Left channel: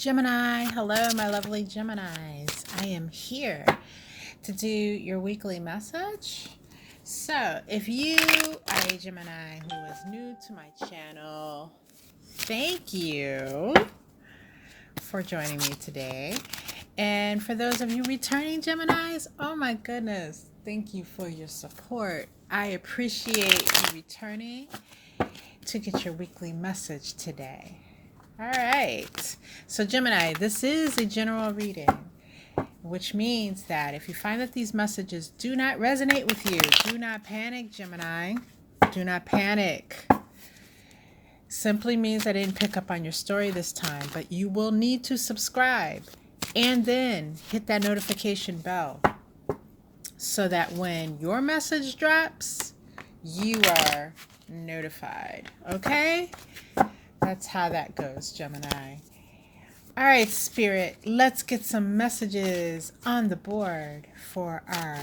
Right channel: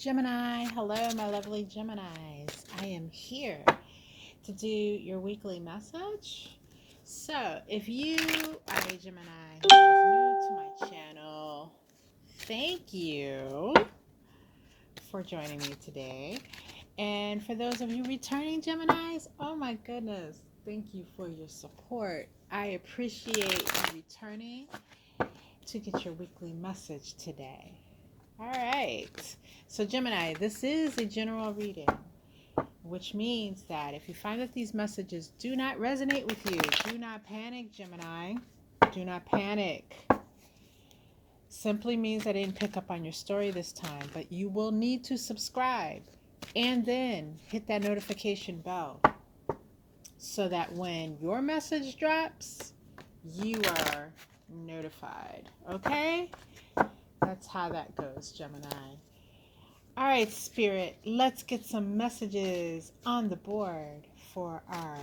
Gemini, hello, my lovely Geminis. I am here to do your weekly message. So, if you are a Gemini who is new to my channel, thank you for joining me today. And for those of you returning Geminis, oh my goodness, thank you for your support. I appreciate you returning to get your weekly message today. All right. So, Gemini, this is a general reading, which means that if you find that these messages do not resonate with you, do not panic, Gemini. Do not panic. Simply means I didn't pick up on your story this time, but you will need to subscribe and then hit that notification bell so that when your message drops, you are notified. Okay? That's how that goes, Gemini. All right, Spirit, let's get some messages on the board for our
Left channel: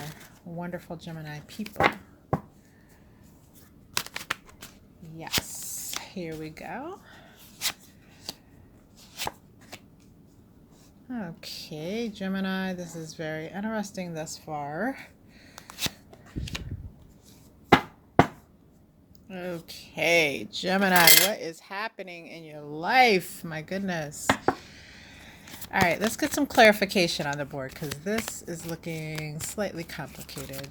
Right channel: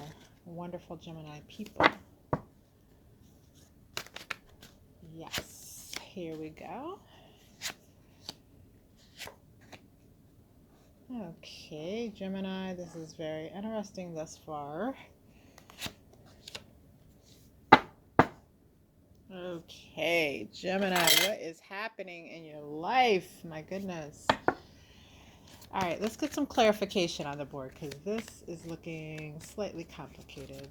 wonderful Gemini people. Yes, here we go. Okay, Gemini, this is very interesting thus far. Okay, Gemini, what is happening in your life? My goodness. All right, let's get some clarification on the board because this is looking slightly complicated.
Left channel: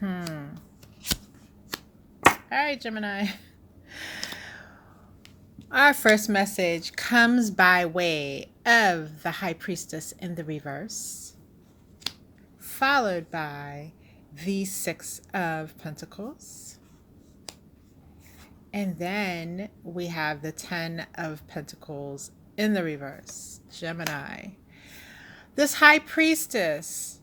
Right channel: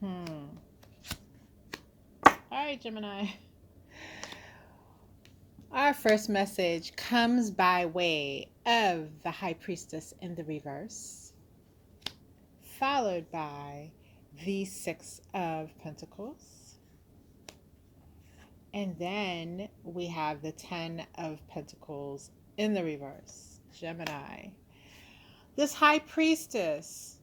All right, Gemini. Our first message comes by way of the High Priestess in the reverse, followed by the Six of Pentacles. And then we have the 10 of Pentacles in the reverse, Gemini. This High Priestess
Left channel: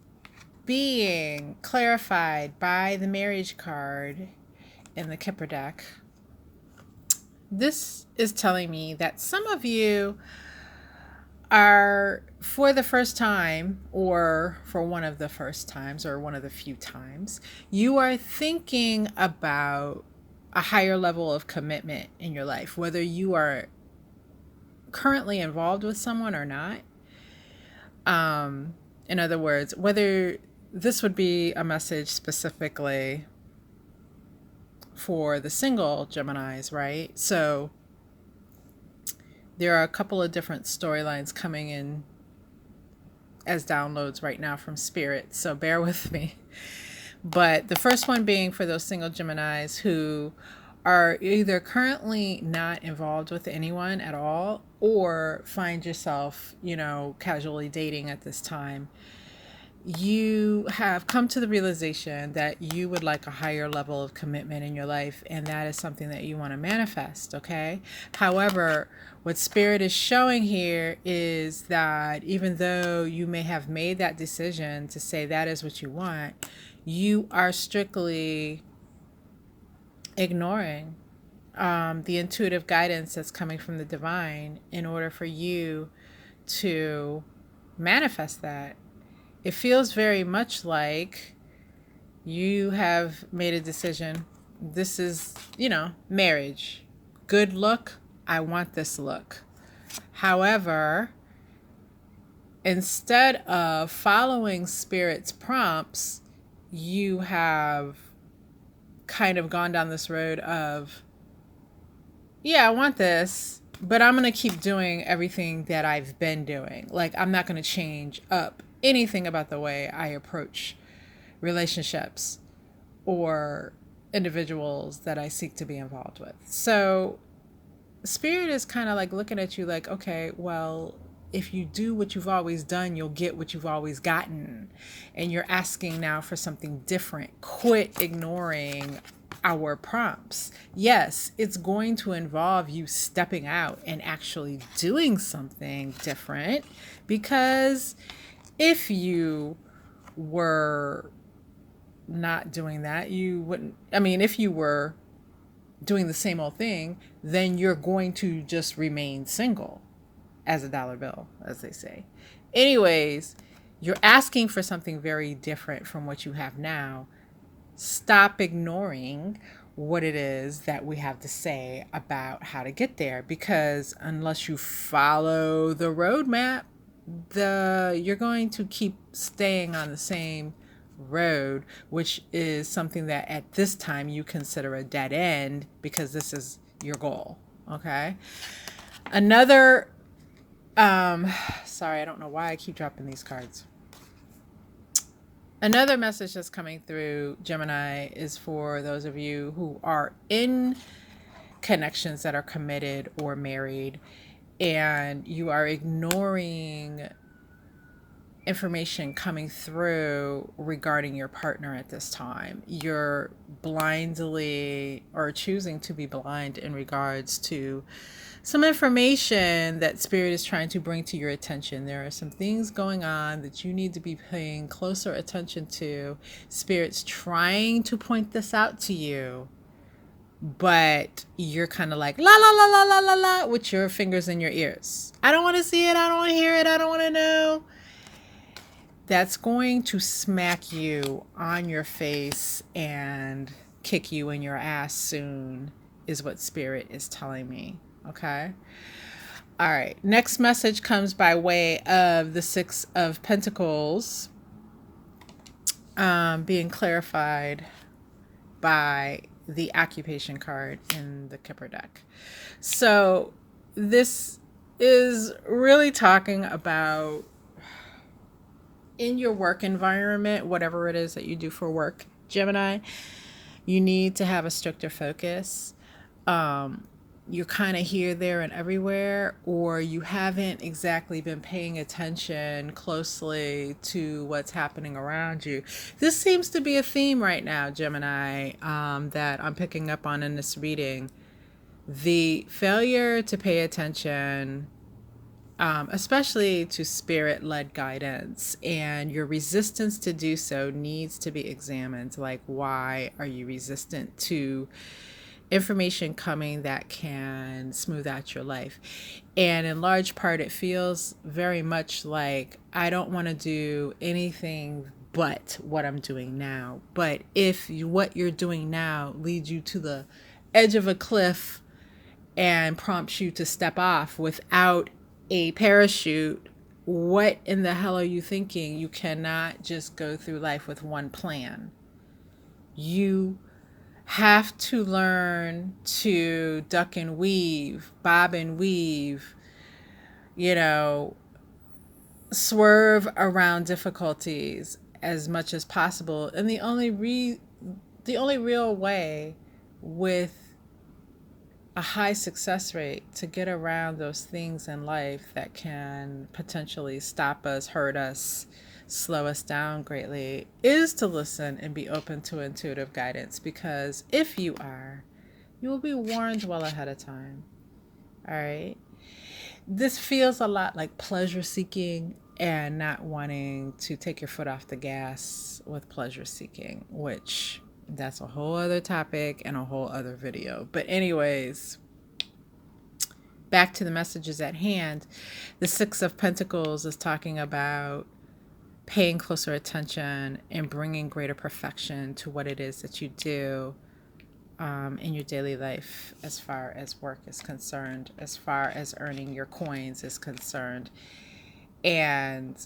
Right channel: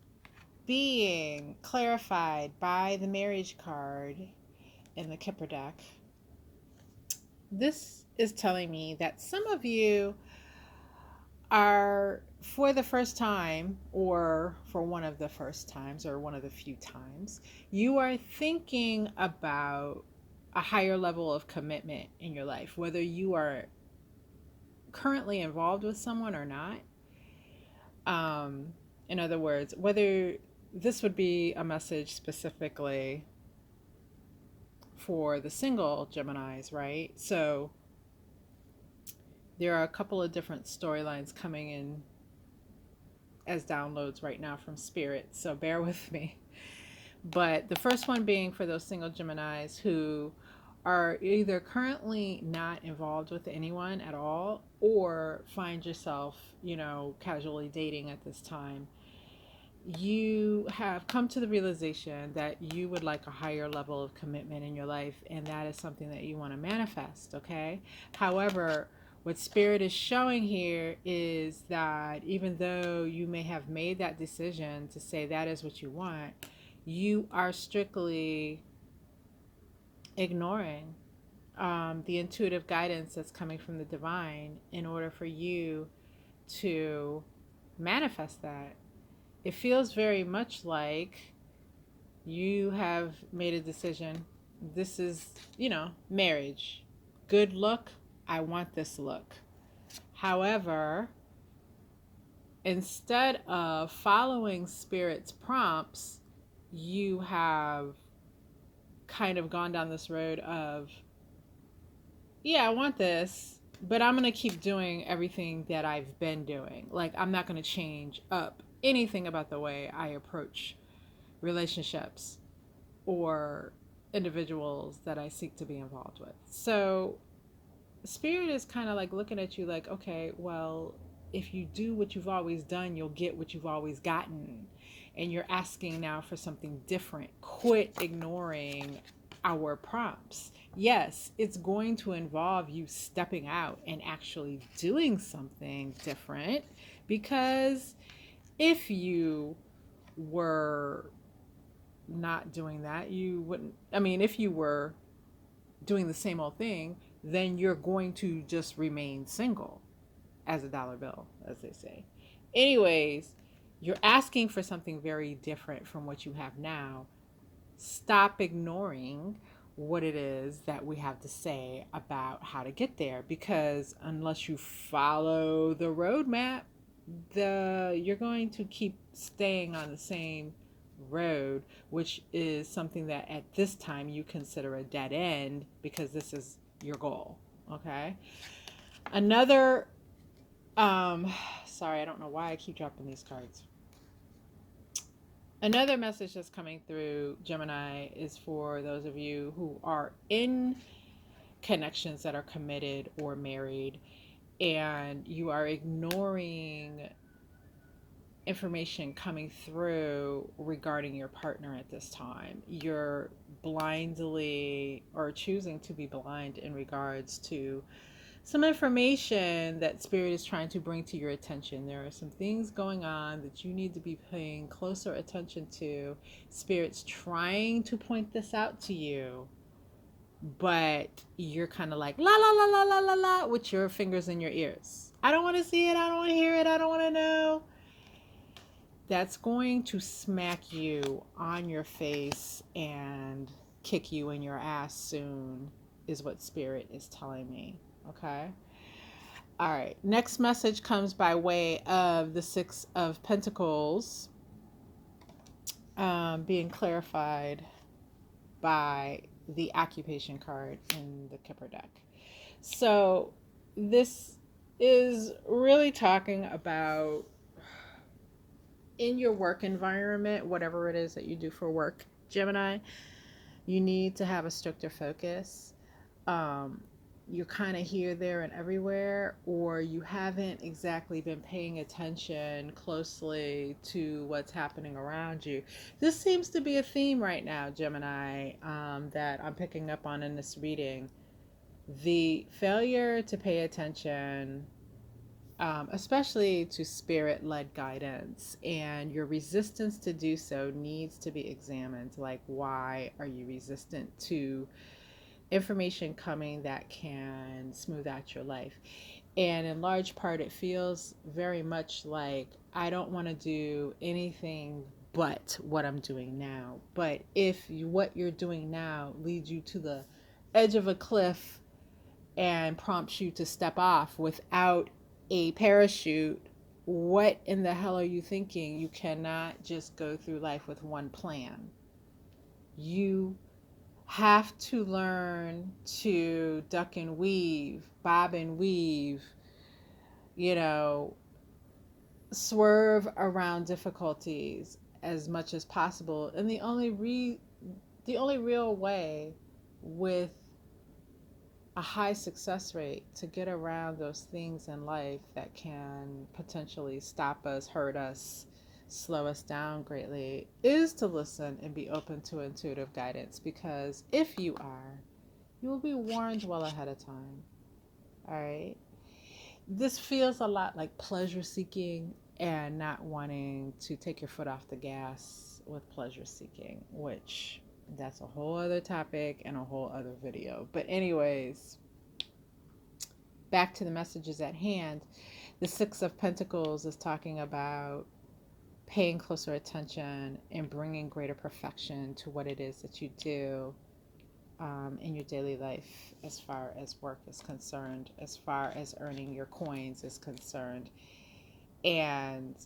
being clarified by the Marriage card in the Kipper deck. This is telling me that some of you are, for the first time, or for one of the first times, or one of the few times, you are thinking about a higher level of commitment in your life, whether you are currently involved with someone or not. In other words, whether this would be a message specifically for the single Geminis, right? So there are a couple of different storylines coming in as downloads right now from Spirit, so bear with me. But the first one being for those single Geminis who are either currently not involved with anyone at all or find yourself, casually dating at this time. You have come to the realization that you would like a higher level of commitment in your life, and that is something that you want to manifest, okay? However, what Spirit is showing here is that even though you may have made that decision to say that is what you want, you are strictly ignoring the intuitive guidance that's coming from the divine in order for you to manifest that. It feels very much like you have made a decision. This is, marriage. Good look. I want this look. However, instead of following Spirit's prompts, you have kind of gone down this road of, yeah, I want this, but I'm going to keep doing everything that I've been doing. Like, I'm not going to change up anything about the way I approach relationships or individuals that I seek to be involved with. So Spirit is kind of like looking at you like, okay, well, if you do what you've always done, you'll get what you've always gotten. And you're asking now for something different. Quit ignoring our prompts. Yes, it's going to involve you stepping out and actually doing something different, because if you were not doing that, you wouldn't. I mean, if you were doing the same old thing, then you're going to just remain single as a dollar bill, as they say. Anyways, you're asking for something very different from what you have now. Stop ignoring what it is that we have to say about how to get there, because unless you follow the roadmap, you're going to keep staying on the same road, which is something that at this time you consider a dead end because this is your goal. Okay. Another sorry, I don't know why I keep dropping these cards. Another message that's coming through, Gemini, is for those of you who are in connections that are committed or married, and you are ignoring information coming through regarding your partner at this time. You're blindly or choosing to be blind in regards to some information that Spirit is trying to bring to your attention. There are some things going on that you need to be paying closer attention to. Spirit's trying to point this out to you, but you're kind of like la la la la la la la with your fingers in your ears. I don't want to see it. I don't want to hear it. I don't want to know. That's going to smack you on your face and kick you in your ass soon, is what Spirit is telling me. Okay. All right. Next message comes by way of the Six of Pentacles being clarified by the occupation card in the Kipper deck. So this is really talking about in your work environment, whatever it is that you do for work, Gemini, you need to have a stricter focus. You're kind of here, there, and everywhere, or you haven't exactly been paying attention closely to what's happening around you. This seems to be a theme right now, Gemini, that I'm picking up on in this reading. The failure to pay attention, especially to Spirit-led guidance, and your resistance to do so needs to be examined. Like, why are you resistant to information coming that can smooth out your life? And in large part, it feels very much like I don't want to do anything but what I'm doing now. But if what you're doing now leads you to the edge of a cliff and prompts you to step off without a parachute, what in the hell are you thinking? You cannot just go through life with one plan. You have to learn to duck and weave, bob and weave, swerve around difficulties as much as possible. And the only real way with a high success rate to get around those things in life that can potentially stop us, hurt us, slow us down greatly is to listen and be open to intuitive guidance, because if you are, you will be warned well ahead of time. All right. This feels a lot like pleasure seeking and not wanting to take your foot off the gas with pleasure seeking, which that's a whole other topic and a whole other video. But anyways, back to the messages at hand. The Six of Pentacles is talking about paying closer attention and bringing greater perfection to what it is that you do in your daily life, as far as work is concerned, as far as earning your coins is concerned. And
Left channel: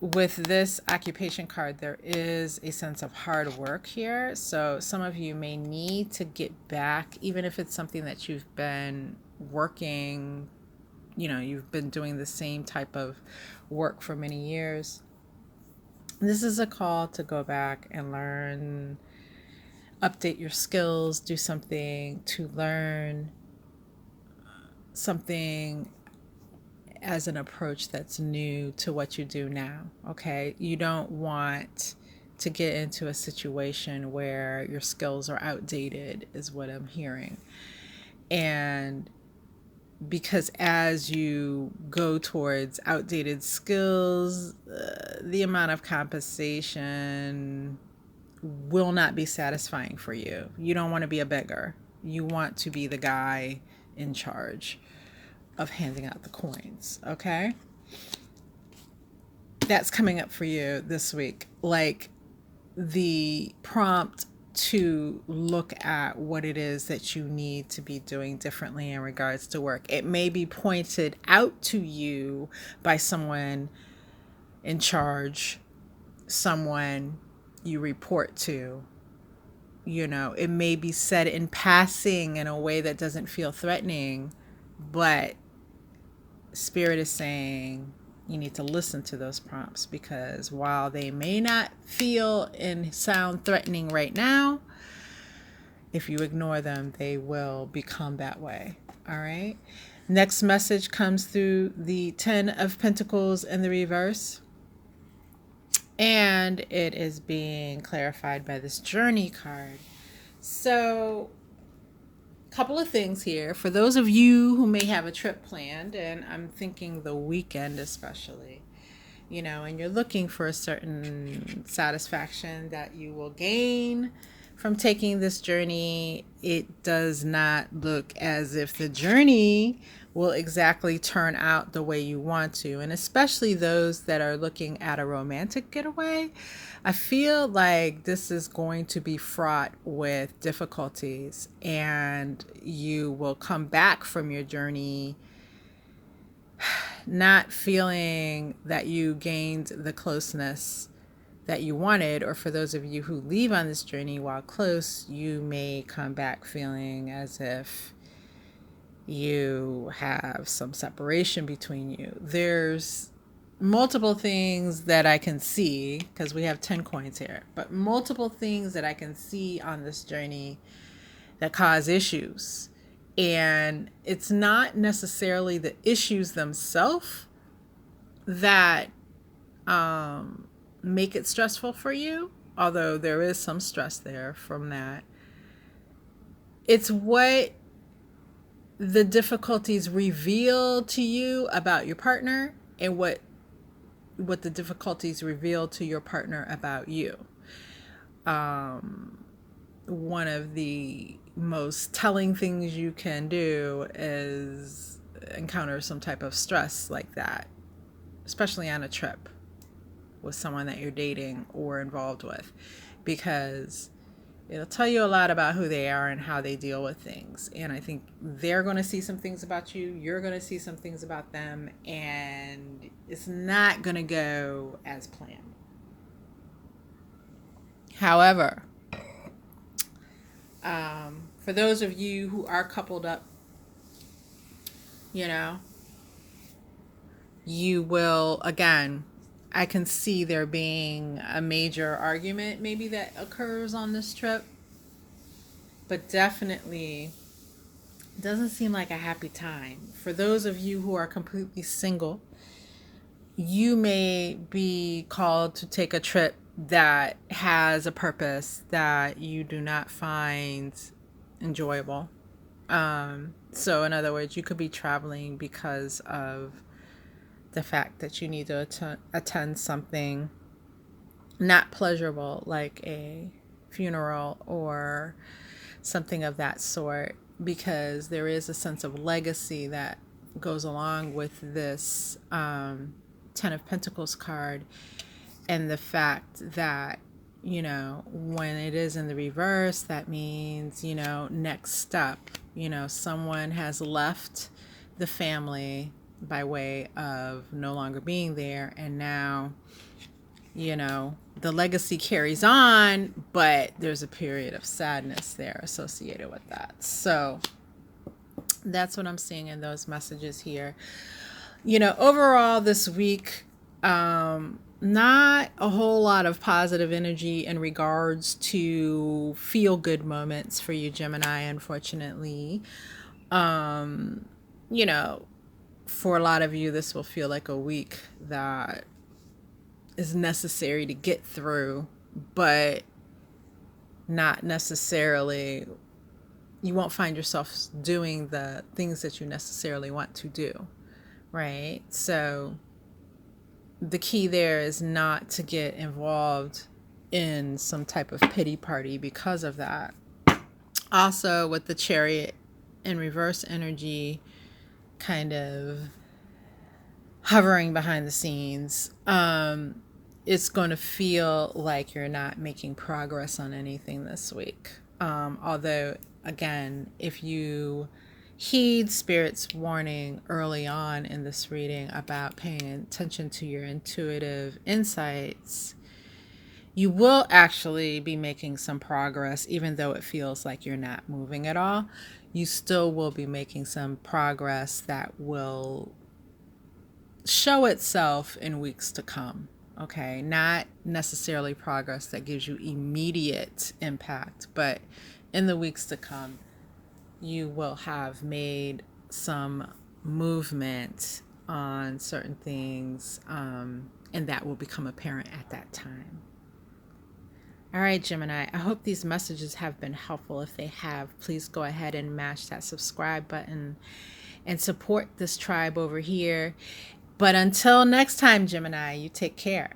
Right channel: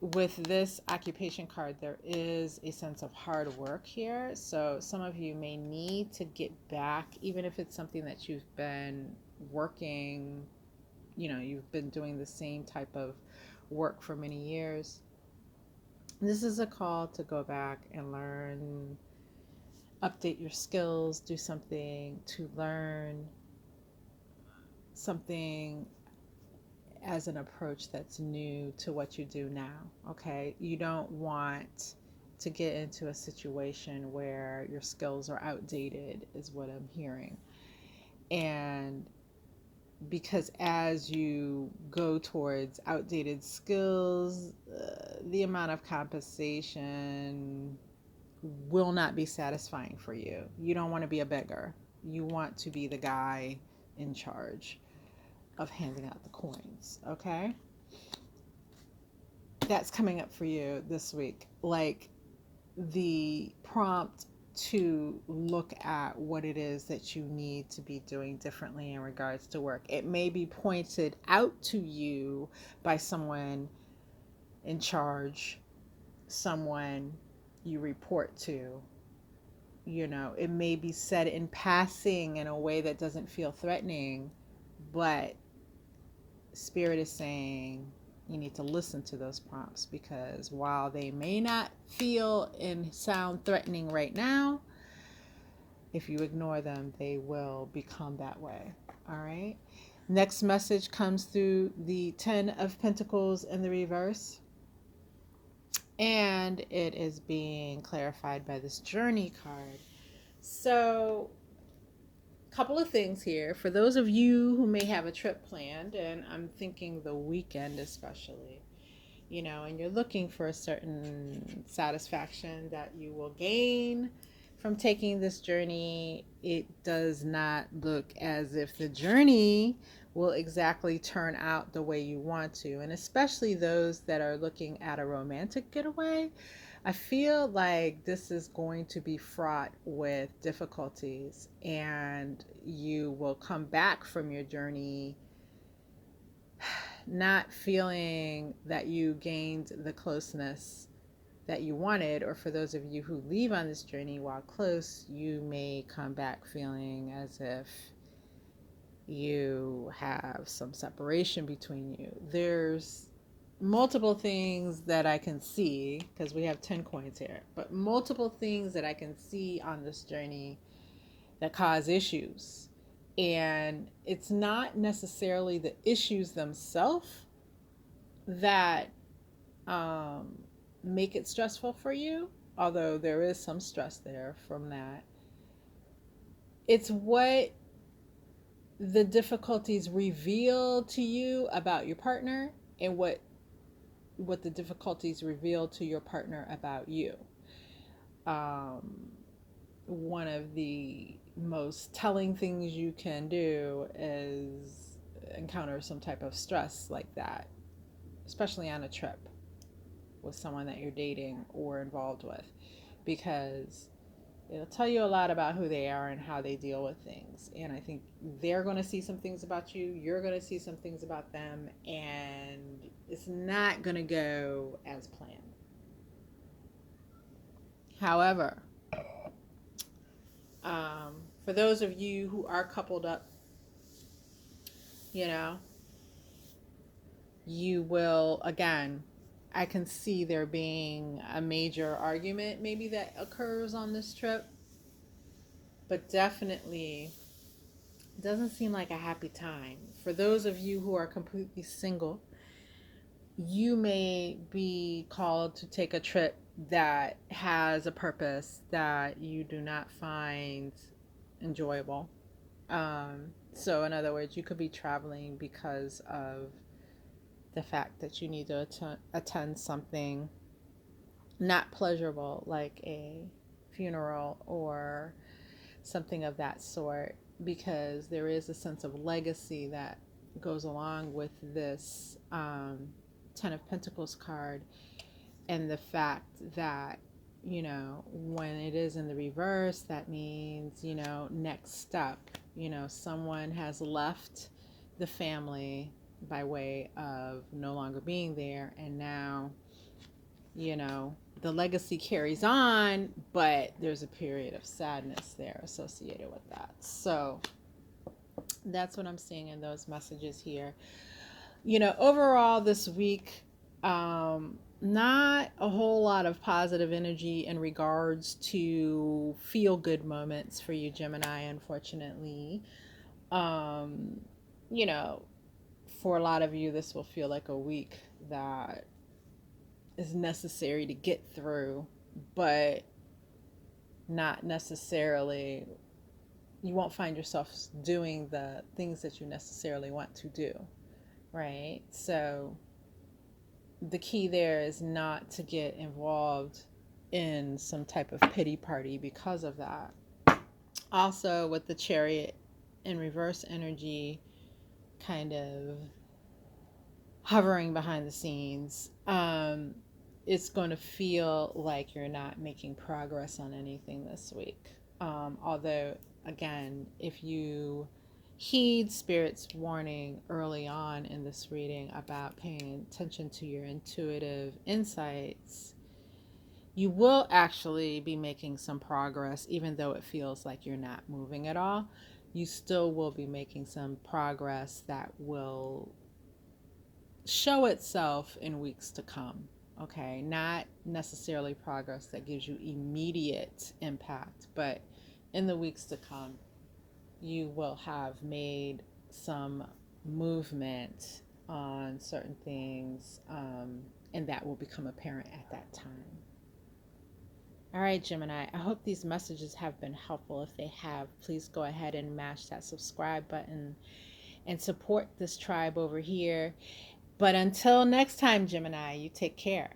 with this occupation card, there is a sense of hard work here. So some of you may need to get back, even if it's something that you've been working, you've been doing the same type of work for many years. This is a call to go back and learn, update your skills, do something to learn something as an approach that's new to what you do now. Okay. You don't want to get into a situation where your skills are outdated, is what I'm hearing. And because as you go towards outdated skills, the amount of compensation will not be satisfying for you. You don't want to be a beggar. You want to be the guy in charge of handing out the coins. Okay. That's coming up for you this week. Like the prompt to look at what it is that you need to be doing differently in regards to work. It may be pointed out to you by someone in charge, someone you report to. You know, it may be said in passing in a way that doesn't feel threatening, but Spirit is saying you need to listen to those prompts, because while they may not feel and sound threatening right now, if you ignore them, they will become that way. All right. Next message comes through the 10 of Pentacles in the reverse. And it is being clarified by this Journey card. So, a couple of things here. For those of you who may have a trip planned, and I'm thinking the weekend especially, you know, and you're looking for a certain satisfaction that you will gain from taking this journey, it does not look as if the journey will exactly turn out the way you want to. And especially those that are looking at a romantic getaway, I feel like this is going to be fraught with difficulties, and you will come back from your journey not feeling that you gained the closeness that you wanted. Or for those of you who leave on this journey while close, you may come back feeling as if you have some separation between you. There's multiple things that I can see, because we have 10 coins here, but multiple things that I can see on this journey that cause issues. And it's not necessarily the issues themselves that make it stressful for you, although there is some stress there from that. It's what the difficulties reveal to you about your partner, and what the difficulties reveal to your partner about you. One of the most telling things you can do is encounter some type of stress like that, especially on a trip with someone that you're dating or involved with, because it'll tell you a lot about who they are and how they deal with things. And I think they're going to see some things about you, you're going to see some things about them, and it's not going to go as planned. However, for those of you who are coupled up, you know, you will, again, I can see there being a major argument maybe that occurs on this trip, but definitely doesn't seem like a happy time. For those of you who are completely single, you may be called to take a trip that has a purpose that you do not find enjoyable. So in other words, you could be traveling because of the fact that you need to attend something not pleasurable, like a funeral or something of that sort, because there is a sense of legacy that goes along with this 10 of Pentacles card, and the fact that, you know, when it is in the reverse, that means, you know, next step, you know, someone has left the family by way of no longer being there, and now, you know, the legacy carries on, but there's a period of sadness there associated with that. So that's what I'm seeing in those messages here. You know, overall this week, not a whole lot of positive energy in regards to feel good moments for you, Gemini, unfortunately. You know, for a lot of you, this will feel like a week that is necessary to get through, but not necessarily, you won't find yourself doing the things that you necessarily want to do, right? So the key there is not to get involved in some type of pity party because of that. Also, with the Chariot in reverse energy kind of hovering behind the scenes, it's going to feel like you're not making progress on anything this week. Although, again, if you heed Spirit's warning early on in this reading about paying attention to your intuitive insights, you will actually be making some progress, even though it feels like you're not moving at all. You still will be making some progress that will show itself in weeks to come. Okay, not necessarily progress that gives you immediate impact, but in the weeks to come, you will have made some movement on certain things, and that will become apparent at that time. All right, Gemini, I hope these messages have been helpful. If they have, please go ahead and mash that subscribe button and support this tribe over here. But until next time, Gemini, you take care.